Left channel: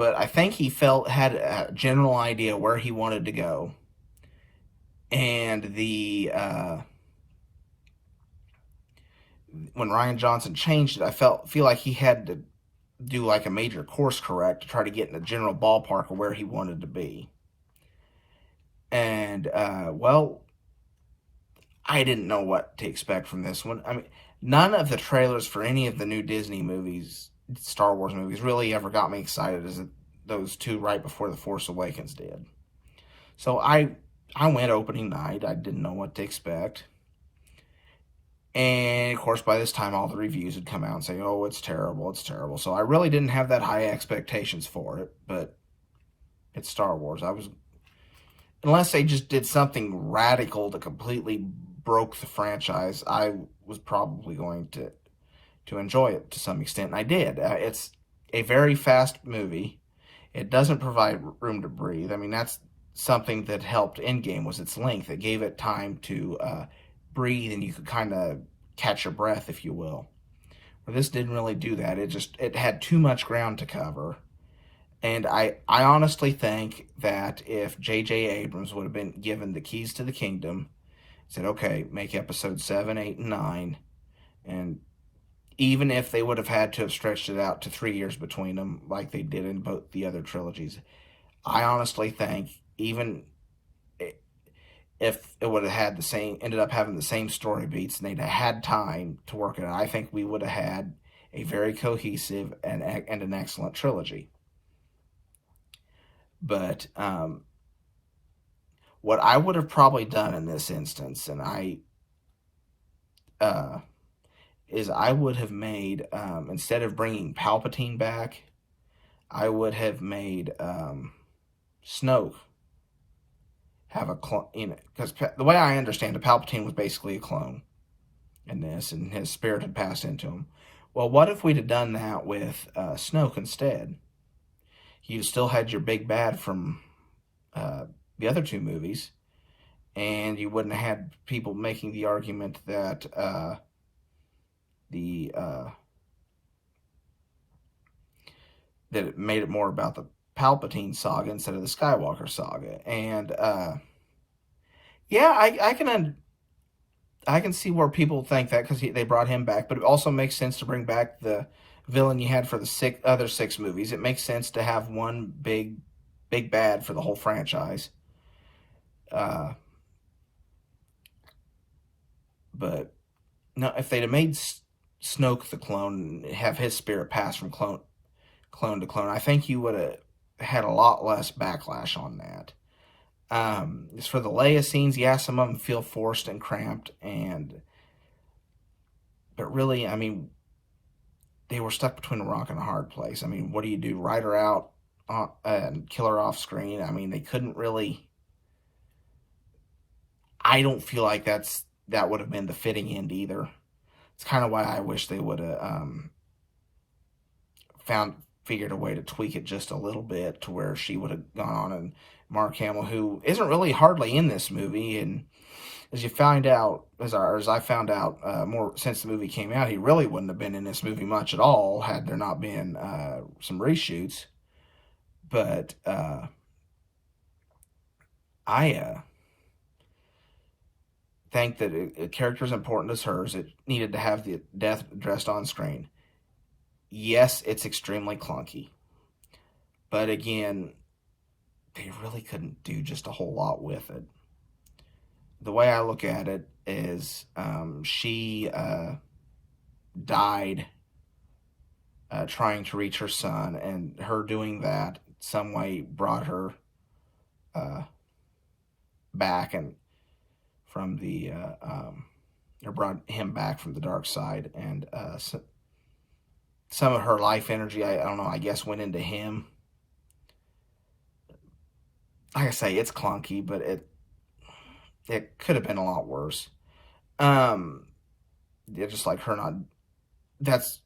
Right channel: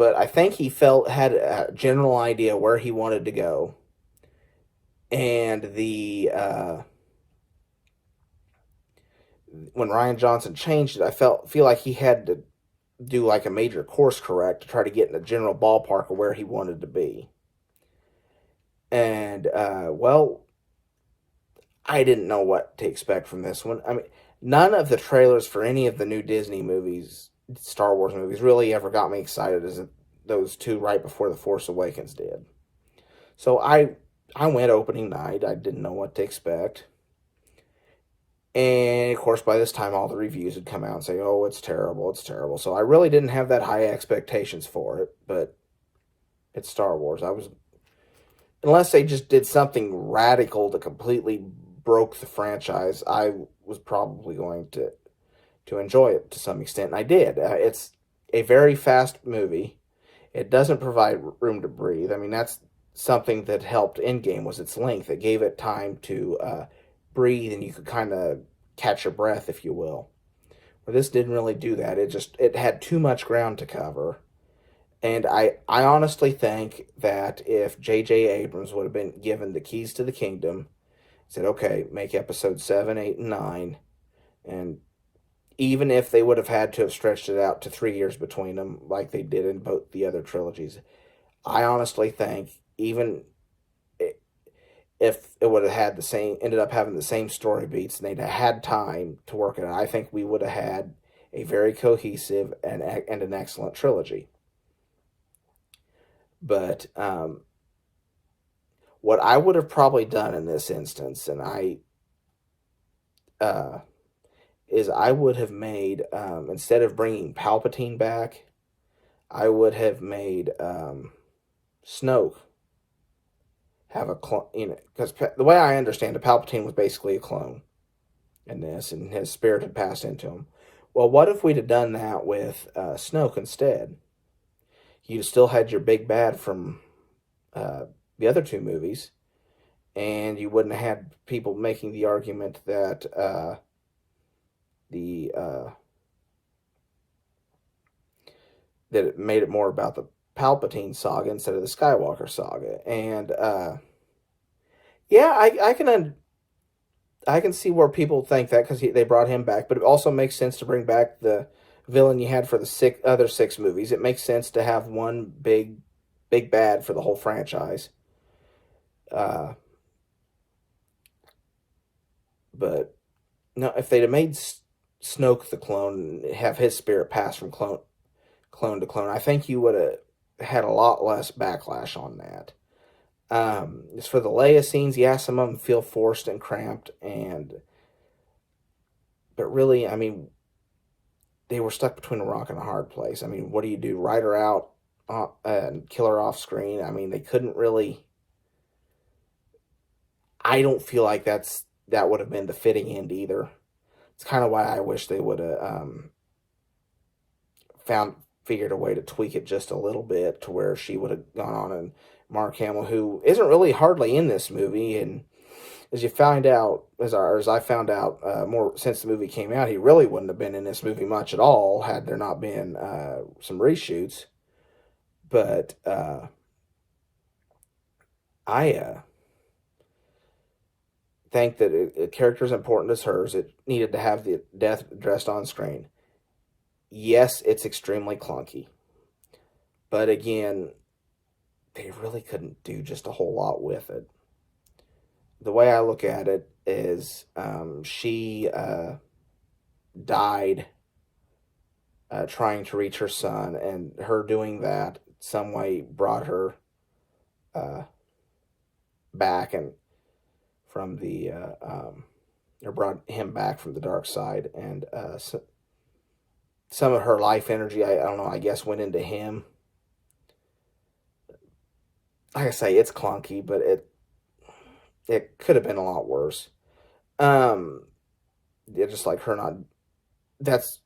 but I think he had a general idea where he wanted to go, and the when Ryan Johnson changed it, feel like he had to do like a major course correct to try to get in the general ballpark of where he wanted to be. And well, I didn't know what to expect from this one. I mean, none of the trailers for any of the new Disney movies, Star Wars movies, really ever got me excited as those two right before The Force Awakens did. So I went opening night. I didn't know what to expect. And of course, by this time, all the reviews had come out and say, "Oh, it's terrible, it's terrible." So I really didn't have that high expectations for it. But it's Star Wars. Unless they just did something radical to completely broke the franchise, I was probably going to enjoy it to some extent, and I did. It's a very fast movie. It doesn't provide room to breathe. I mean, that's something that helped Endgame was its length. It gave it time to breathe, and you could kind of catch your breath, if you will. Where this didn't really do that. It had too much ground to cover. And I honestly think that if J.J. Abrams would have been given the keys to the kingdom, said, okay, make episode 7, 8, and 9, and even if they would have had to have stretched it out to 3 years between them, like they did in both the other trilogies, I honestly think even if it would have had ended up having the same story beats, and they'd have had time to work it out, I think we would have had a very cohesive and an excellent trilogy. But what I would have probably done in this instance, and is I would have made instead of bringing Palpatine back, I would have made Snoke have a clone. Because the way I understand it, Palpatine was basically a clone in this, and his spirit had passed into him. Well, what if we'd have done that with Snoke instead? You'd still had your big bad from the other two movies, and you wouldn't have had people making the argument that that it made it more about the Palpatine saga instead of the Skywalker saga. And yeah, I can see where people think that because they brought him back, but it also makes sense to bring back the villain you had for the other six movies. It makes sense to have one big bad for the whole franchise. But no, if they'd have made Snoke the clone, have his spirit pass from clone to clone, I think you would have had a lot less backlash on that. As for the Leia scenes, yeah, some of them feel forced and cramped, but really, I mean, they were stuck between a rock and a hard place. I mean, what do you do? Write her out and kill her off screen? I mean, they couldn't really. I don't feel like that would have been the fitting end either. It's kind of why I wish they would have figured a way to tweak it just a little bit to where she would have gone on, and Mark Hamill, who isn't really hardly in this movie, and as you find out, as I found out more since the movie came out, he really wouldn't have been in this movie much at all had there not been some reshoots. But I think that a character as important as hers, it needed to have the death addressed on screen. Yes, it's extremely clunky, but again, they really couldn't do just a whole lot with it. The way I look at it is she died trying to reach her son, and her doing that some way brought her back and from the or brought him back from the dark side, and some of her life energy, I don't know, I guess went into him. Like I say, it's clunky, but it could have been a lot worse. Yeah, just like her not. That's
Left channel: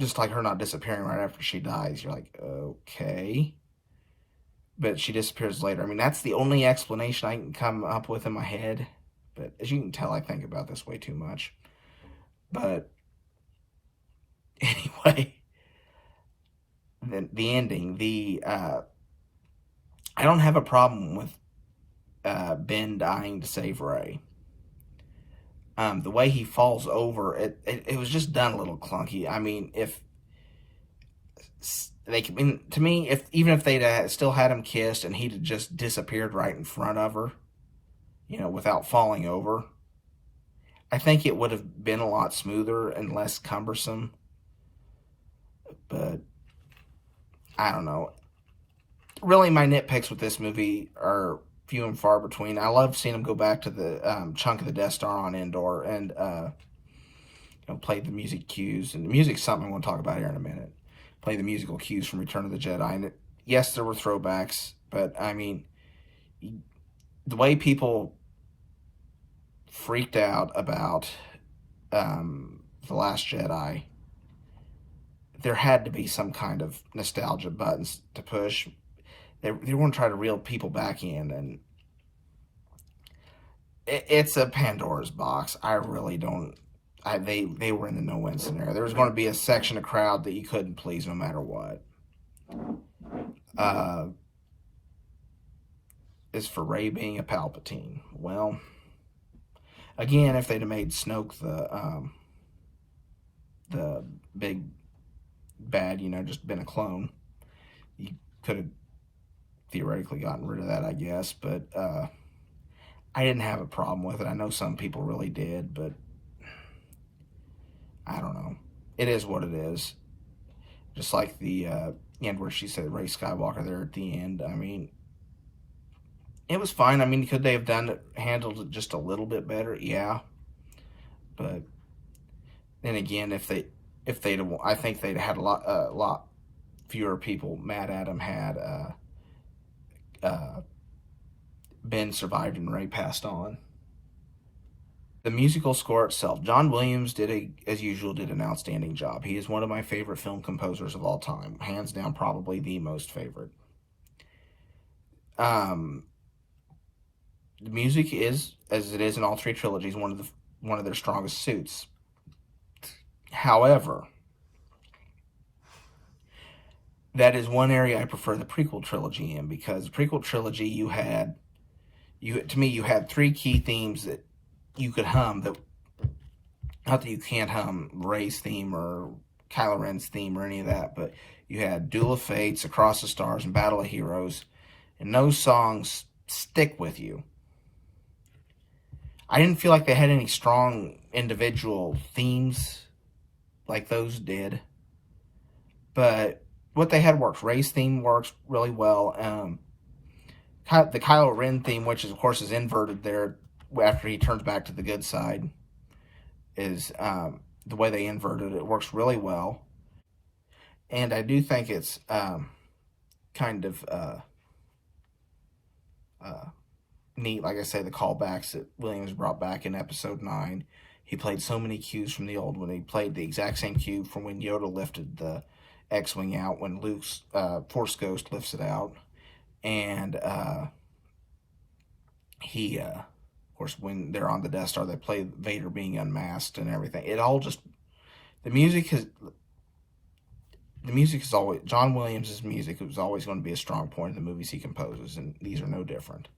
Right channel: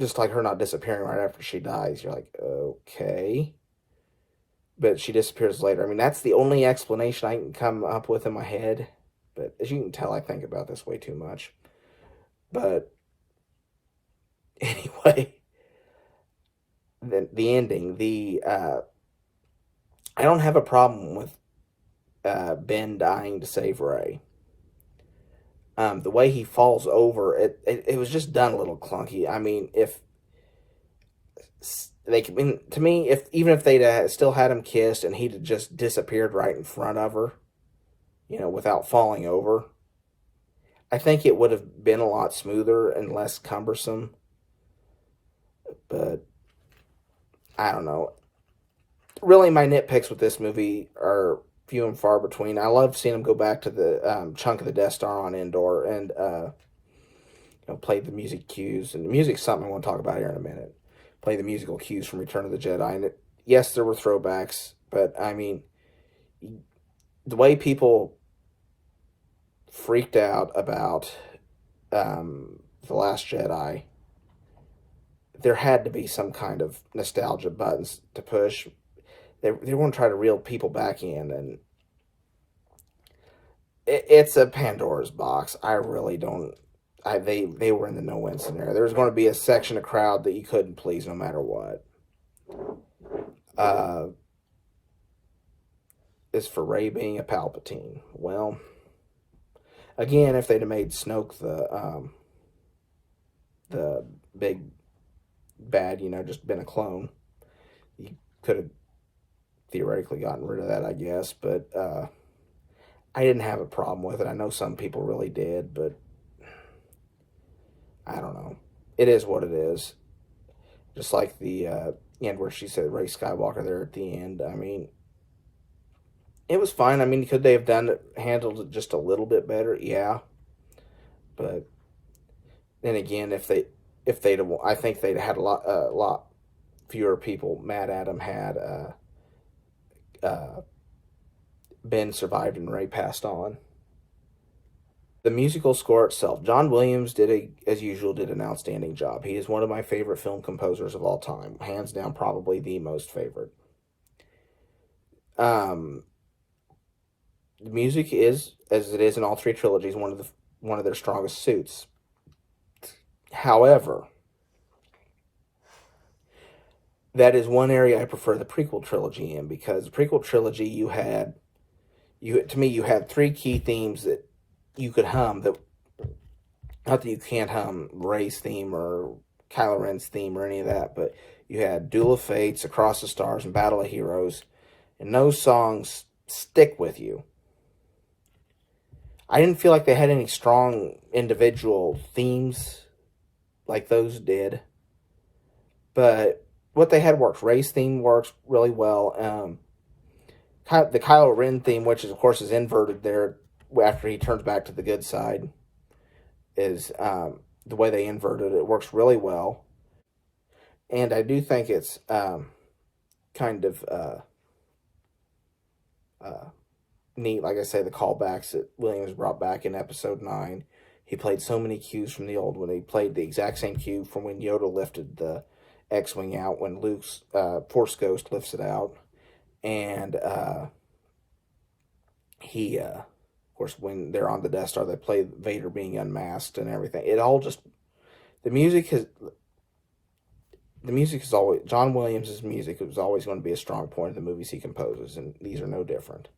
just like her not disappearing right after she dies. You're like, okay, but she disappears later. I mean, that's the only explanation I can come up with in my head. But as you can tell, I think about this way too much. But anyway, the ending. I don't have a problem with Ben dying to save Ray. The way he falls over, it was just done a little clunky. I mean, if they, I mean, to me, if even if they'd still had him kissed and he'd just disappeared right in front of her, without falling over, I think it would have been a lot smoother and less cumbersome. But I don't know. Really, my nitpicks with this movie are few and far between. I love seeing him go back to the chunk of the Death Star on Endor and play the music cues. And the music's something I want to talk about here in a minute. Play the musical cues from Return of the Jedi. And yes, there were throwbacks, but I mean, the way people freaked out about The Last Jedi, there had to be some kind of nostalgia buttons to push. They want to try to reel people back in, and it's a Pandora's box. I really don't. They were in the no-win scenario. There was going to be a section of crowd that you couldn't please no matter what. As for Rey being a Palpatine, well, again, if they'd have made Snoke the big bad, just been a clone, you could have theoretically gotten rid of that, I guess. But I didn't have a problem with it. I know some people really did, but I don't know. It is what it is. Just like the end where she said Rey Skywalker there at the end. I mean, it was fine. I mean, could they have handled it just a little bit better? Yeah. But then again, I think they'd had a lot fewer people mad at him had Ben survived and Ray passed on. The musical score itself, John Williams as usual, did an outstanding job. He is one of my favorite film composers of all time, hands down, probably the most favorite. The music is, as it is in all three trilogies, one of their strongest suits. However, that is one area I prefer the prequel trilogy in, because the prequel trilogy you had three key themes that you could hum. That, not that you can't hum Rey's theme or Kylo Ren's theme or any of that, but you had Duel of Fates, Across the Stars, and Battle of Heroes, and those songs stick with you. I didn't feel like they had any strong individual themes like those did, but what they had worked. Rey's theme works really well. The Kylo Ren theme, which is, of course, is inverted there after he turns back to the good side, is the way they inverted it. It works really well. And I do think it's kind of neat, like I say, the callbacks that Williams brought back in Episode 9. He played so many cues from the old one. He played the exact same cue from when Yoda lifted the X-Wing out, when Luke's Force Ghost lifts it out. And he, of course, when they're on the Death Star, they play Vader being unmasked and everything. It all just, the music is always, John Williams' music is always going to be a strong point in the movies he composes, and these are no different.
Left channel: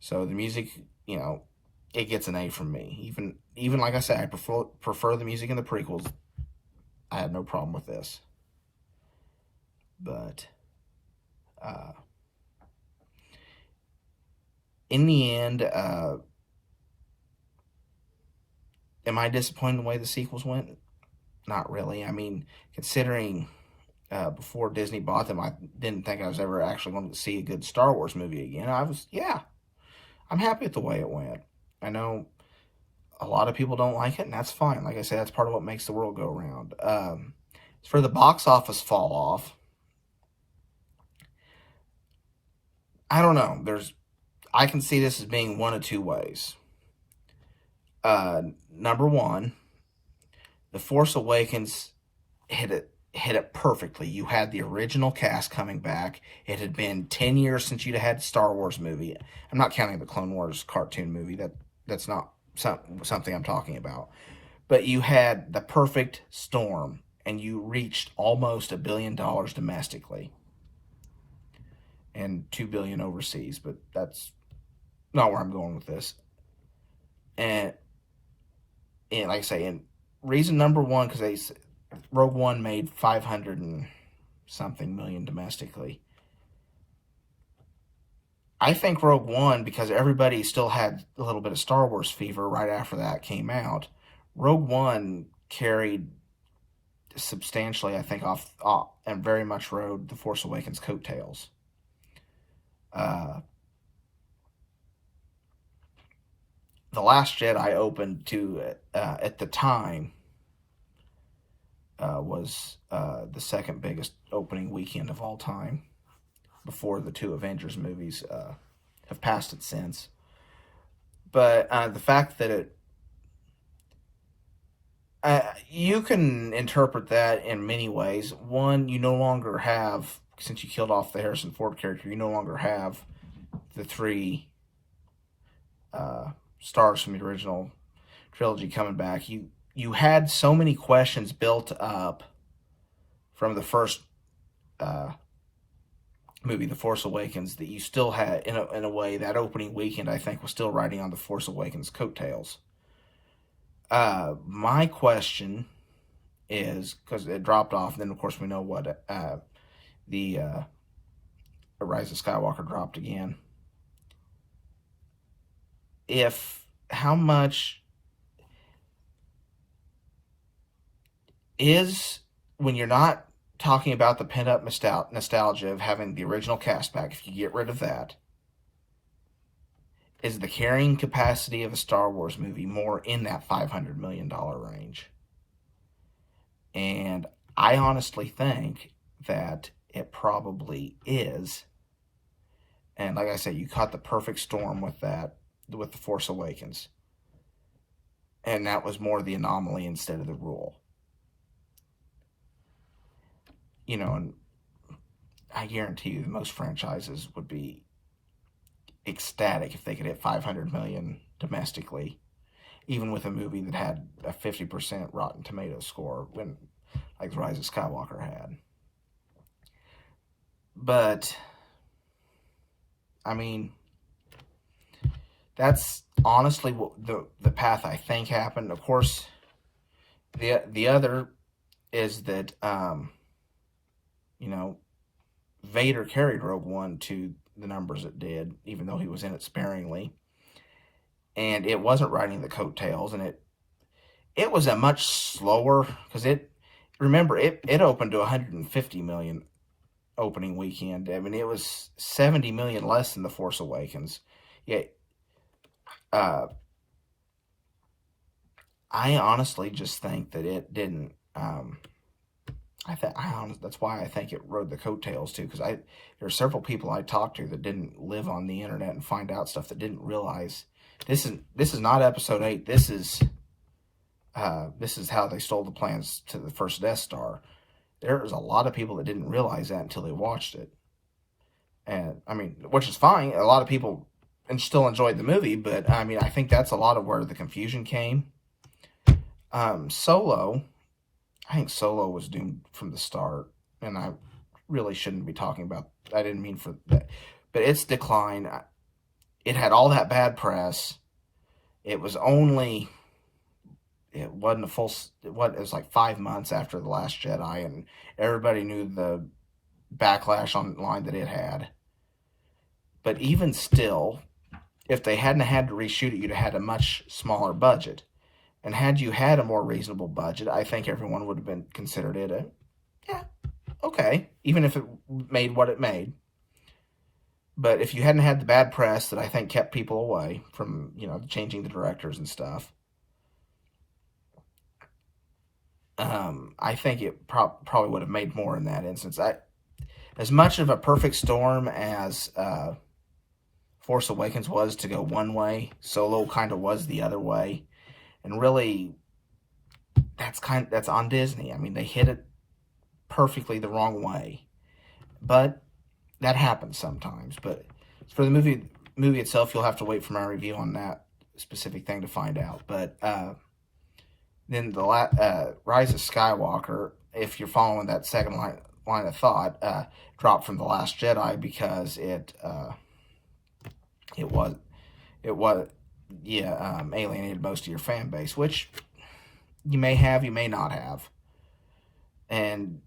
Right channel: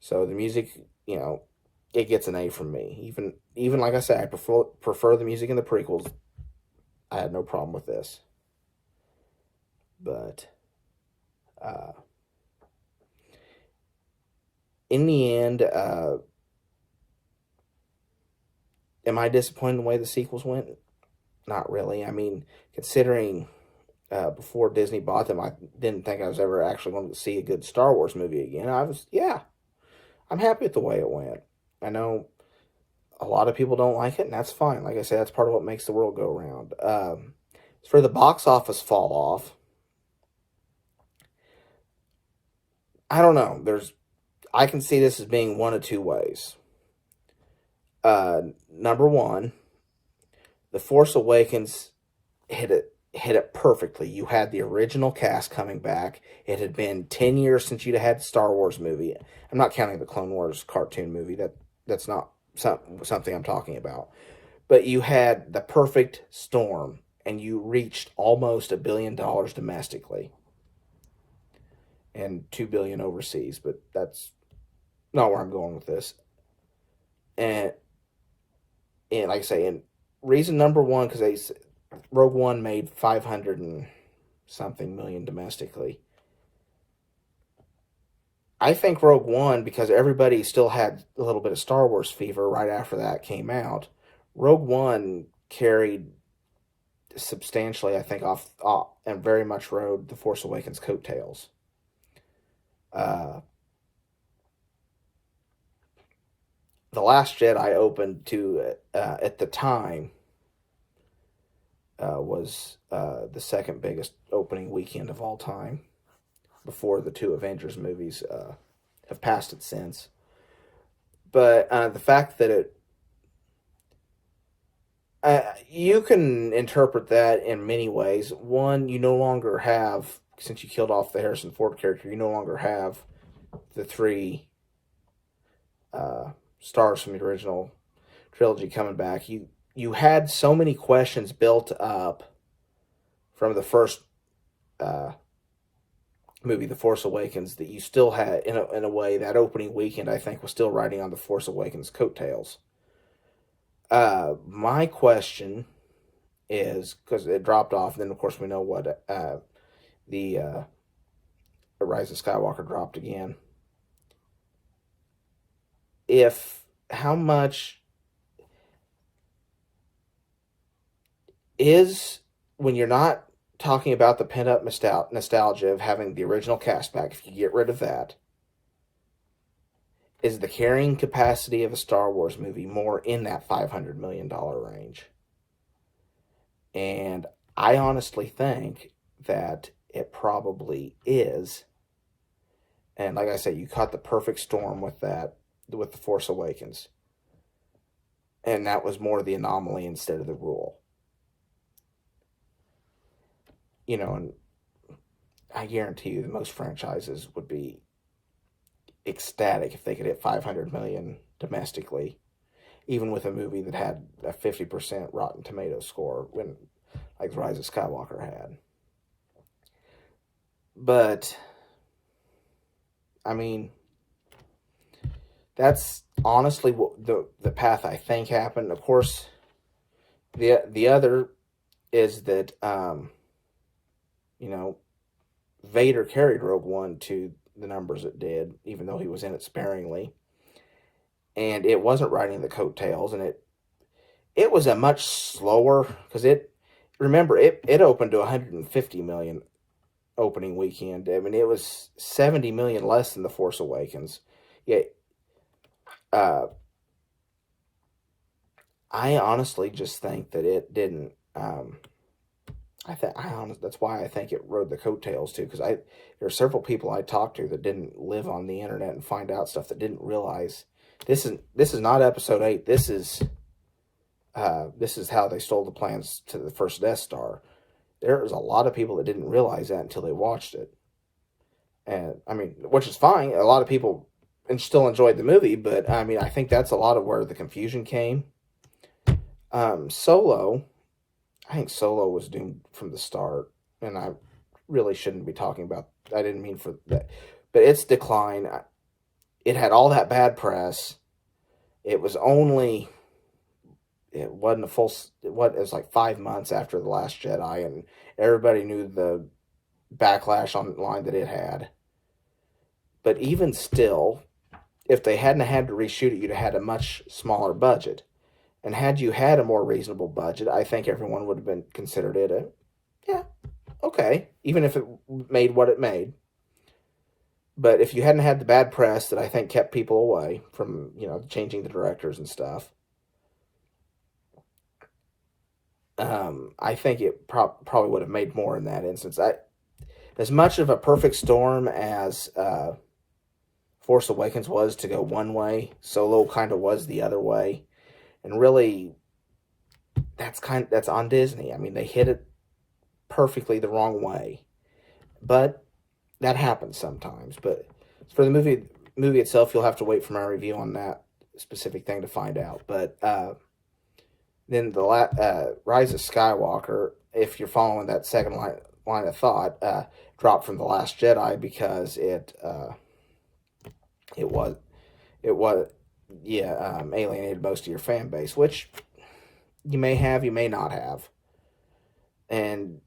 So the music, it gets an A from me. Even like I said, I prefer the music in the prequels. I had no problem with this. But in the end, am I disappointed in the way the sequels went? Not really. I mean, considering before Disney bought them, I didn't think I was ever actually going to see a good Star Wars movie again. I'm happy with the way it went. I know a lot of people don't like it, and that's fine. Like I said, that's part of what makes the world go round. For the box office fall off, I don't know. I can see this as being one of two ways. Number one, The Force Awakens hit it perfectly. You had the original cast coming back. It had been 10 years since you'd had Star Wars movie. I'm not counting the Clone Wars cartoon movie. That's not something I'm talking about. But you had the perfect storm. and you reached almost $1 billion domestically and $2 billion overseas, but that's not where I'm going with this. And like I say, and reason number one, because Rogue One made 500 and something million domestically. I think Rogue One, because everybody still had a little bit of Star Wars fever right after that came out, Rogue One carried substantially, I think, off and very much rode The Force Awakens coattails. The Last Jedi opened to, at the time, was the second biggest opening weekend of all time, before the two Avengers movies have passed it since. But the fact that you can interpret that in many ways. One, you no longer have, since you killed off the Harrison Ford character, you no longer have the three stars from the original trilogy coming back. You had so many questions built up from the first movie, The Force Awakens, that you still had, in a way, that opening weekend, I think, was still riding on The Force Awakens coattails. My question is, because it dropped off, and then of course we know what the Rise of Skywalker dropped again. How much is, when you're not talking about the pent-up nostalgia of having the original cast back, if you get rid of that, is the carrying capacity of a Star Wars movie more in that $500 million range? And I honestly think that it probably is. And like I said, you caught the perfect storm with that, with The Force Awakens. And that was more the anomaly instead of the rule. You know, and I guarantee you that most franchises would be ecstatic if they could hit 500 million domestically, even with a movie that had a 50% Rotten Tomatoes score, when like The Rise of Skywalker had. But I mean, that's honestly what the path I think happened. Of course, the other is that you know, Vader carried Rogue One to the numbers it did, even though he was in it sparingly, and it wasn't riding the coattails, and it was a much slower, because it opened to 150 million opening weekend. I mean, it was 70 million less than The Force Awakens. Yeah, I honestly just think that it didn't. That's why I think it rode the coattails too, because there are several people I talked to that didn't live on the internet and find out stuff, that didn't realize this is not Episode 8. This is how they stole the plans to the first Death Star. There's a lot of people that didn't realize that until they watched it, and I mean, which is fine. A lot of people still enjoyed the movie, but I mean, I think that's a lot of where the confusion came. Solo. I think Solo was doomed from the start, and I really shouldn't be talking about. I didn't mean for that, but its decline. It had all that bad press. It wasn't a full. It was like 5 months after The Last Jedi, and everybody knew the backlash online that it had. But even still, if they hadn't had to reshoot it, you'd have had a much smaller budget. And had you had a more reasonable budget, I think everyone would have considered it okay, even if it made what it made. But if you hadn't had the bad press that I think kept people away from, changing the directors and stuff, I think it probably would have made more in that instance. As much of a perfect storm as Force Awakens was to go one way, Solo kind of was the other way. And really, that's on Disney. I mean, they hit it perfectly the wrong way, but that happens sometimes. But for the movie itself, you'll have to wait for my review on that specific thing to find out. But then the Rise of Skywalker, if you're following that second line of thought, dropped from The Last Jedi because it was alienated most of your fan base, which you may have, you may not have. And,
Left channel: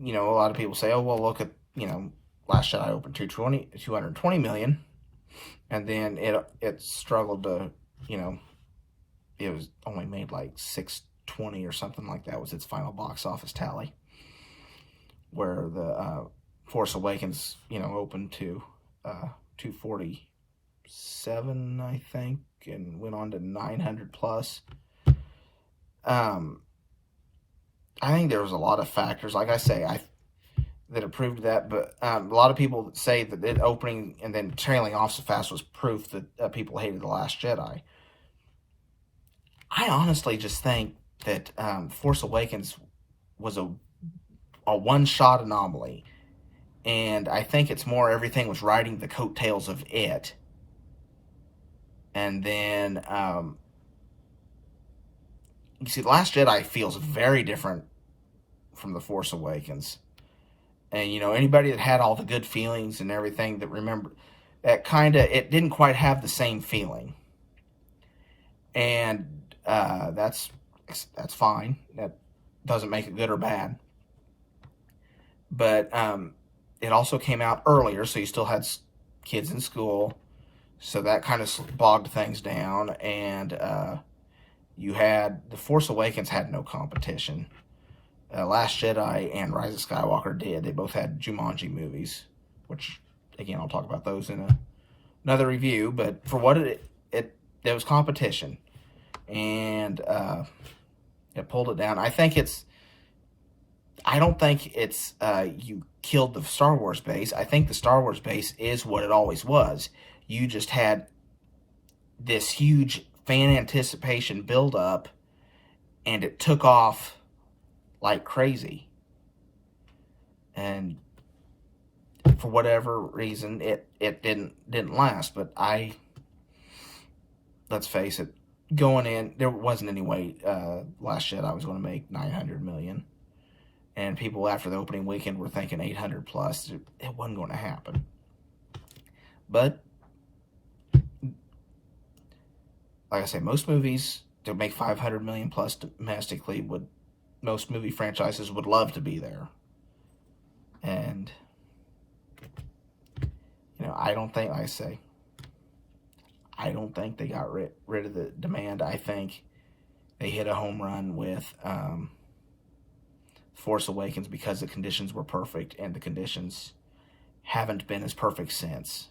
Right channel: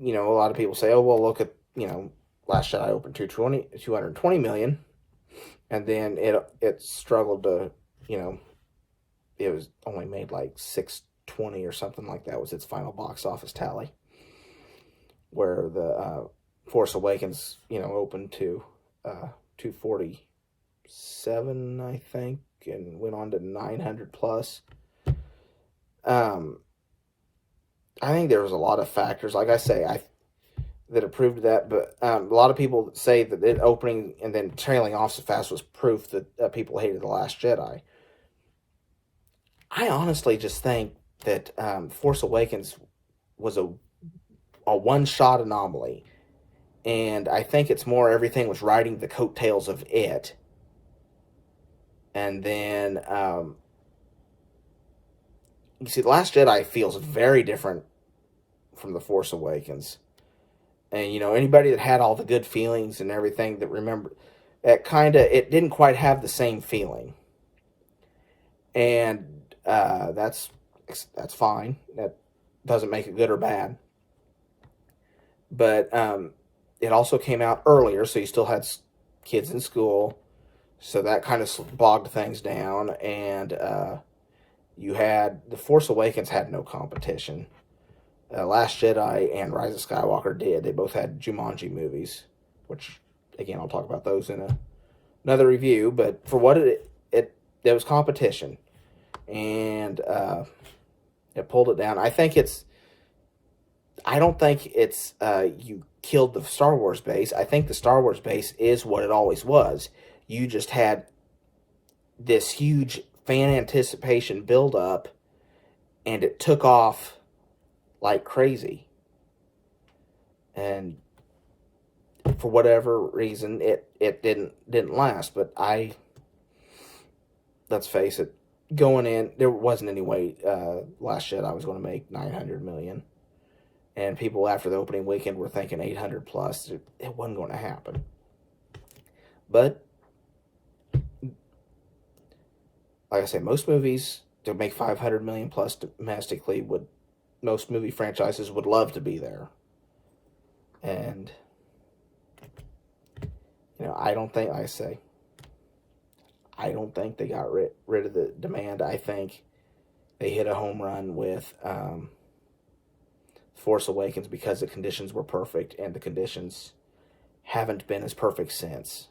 a lot of people say, oh, well, look at, Last Jedi opened 220 million, and then it struggled to, it was only made like 620 or something like that was its final box office tally, where the Force Awakens, opened to 247, I think, and went on to 900 plus. I think there was a lot of factors, like I say, that approved that, but a lot of people say that it opening and then trailing off so fast was proof that people hated The Last Jedi. I honestly just think that Force Awakens was a one-shot anomaly, and I think it's more everything was riding the coattails of it, and then you see, The Last Jedi feels very different from The Force Awakens. And, anybody that had all the good feelings and everything that remember, it didn't quite have the same feeling. And that's fine. That doesn't make it good or bad. But it also came out earlier, so you still had kids in school. So that kind of bogged things down. And you had The Force Awakens had no competition. Last Jedi and Rise of Skywalker did. They both had Jumanji movies, which, again, I'll talk about those in another review. But for what there was competition, and it pulled it down. I don't think it's you killed the Star Wars base. I think the Star Wars base is what it always was. You just had this huge fan anticipation build up, and it took off like crazy. And for whatever reason, it didn't last. But let's face it, going in, there wasn't any way Last Jedi was going to make 900 million. And people after the opening weekend were thinking 800 plus. It wasn't going to happen. But like I say, most movies to make 500 million plus domestically most movie franchises would love to be there. And, I don't think, like I say, I don't think they got rid of the demand. I think they hit a home run with Force Awakens because the conditions were perfect, and the conditions haven't been as perfect since.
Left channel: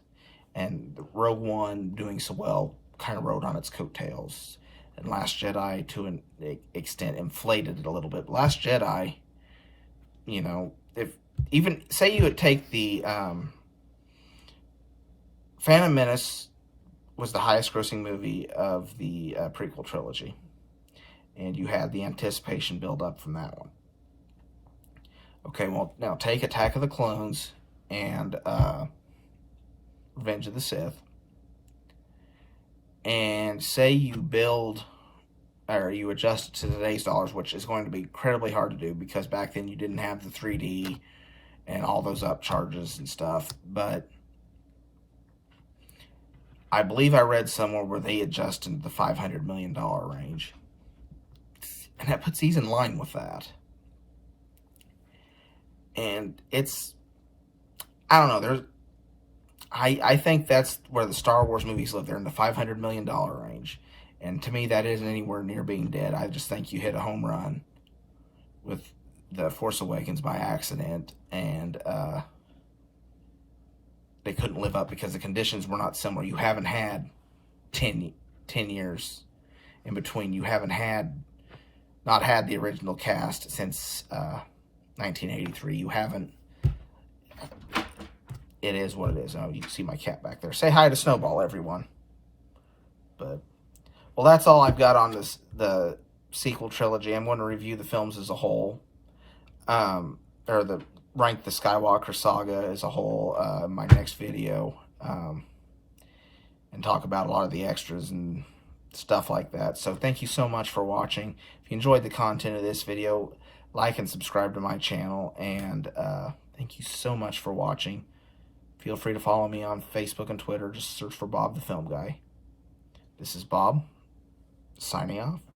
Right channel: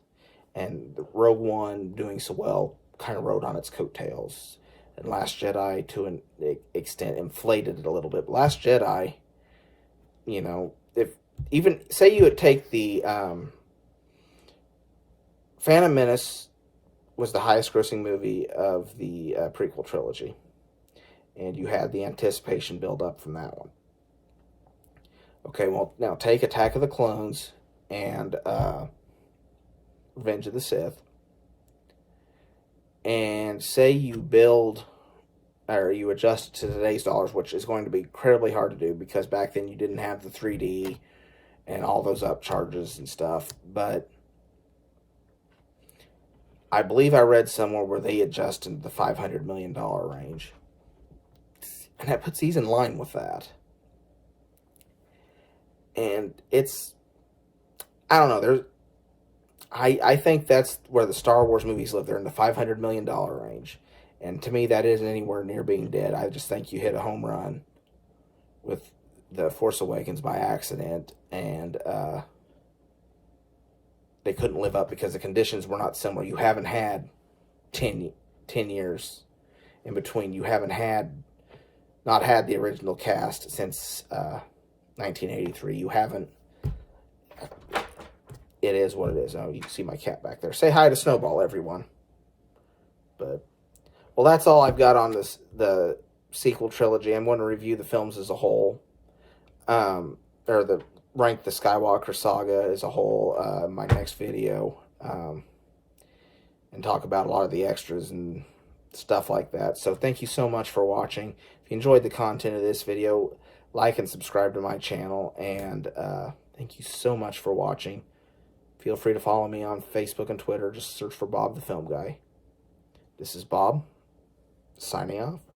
And Rogue One doing so well kind of rode on its coattails. And Last Jedi, to an extent, inflated it a little bit. But Last Jedi, if even, say you would take the Phantom Menace was the highest grossing movie of the prequel trilogy. And you had the anticipation build up from that one. Okay, well, now take Attack of the Clones and Revenge of the Sith. And say you build, or you adjust it to today's dollars, which is going to be incredibly hard to do because back then you didn't have the 3D and all those upcharges and stuff. But I believe I read somewhere where they adjusted the $500 million range. And that puts these in line with that. And it's, I don't know, I think that's where the Star Wars movies live. They're in the $500 million range. And to me, that isn't anywhere near being dead. I just think you hit a home run with The Force Awakens by accident. And they couldn't live up because the conditions were not similar. You haven't had 10 years in between. You haven't not had the original cast since 1983. You haven't. It is what it is. Oh, you can see my cat back there. Say hi to Snowball, everyone. But, well, that's all I've got on the sequel trilogy. I'm going to review the films as a whole, rank the Skywalker saga as a whole in my next video, and talk about a lot of the extras and stuff like that. So thank you so much for watching. If you enjoyed the content of this video, like and subscribe to my channel. And thank you so much for watching. Feel free to follow me on Facebook and Twitter. Just search for Bob the Film Guy. This is Bob, signing off.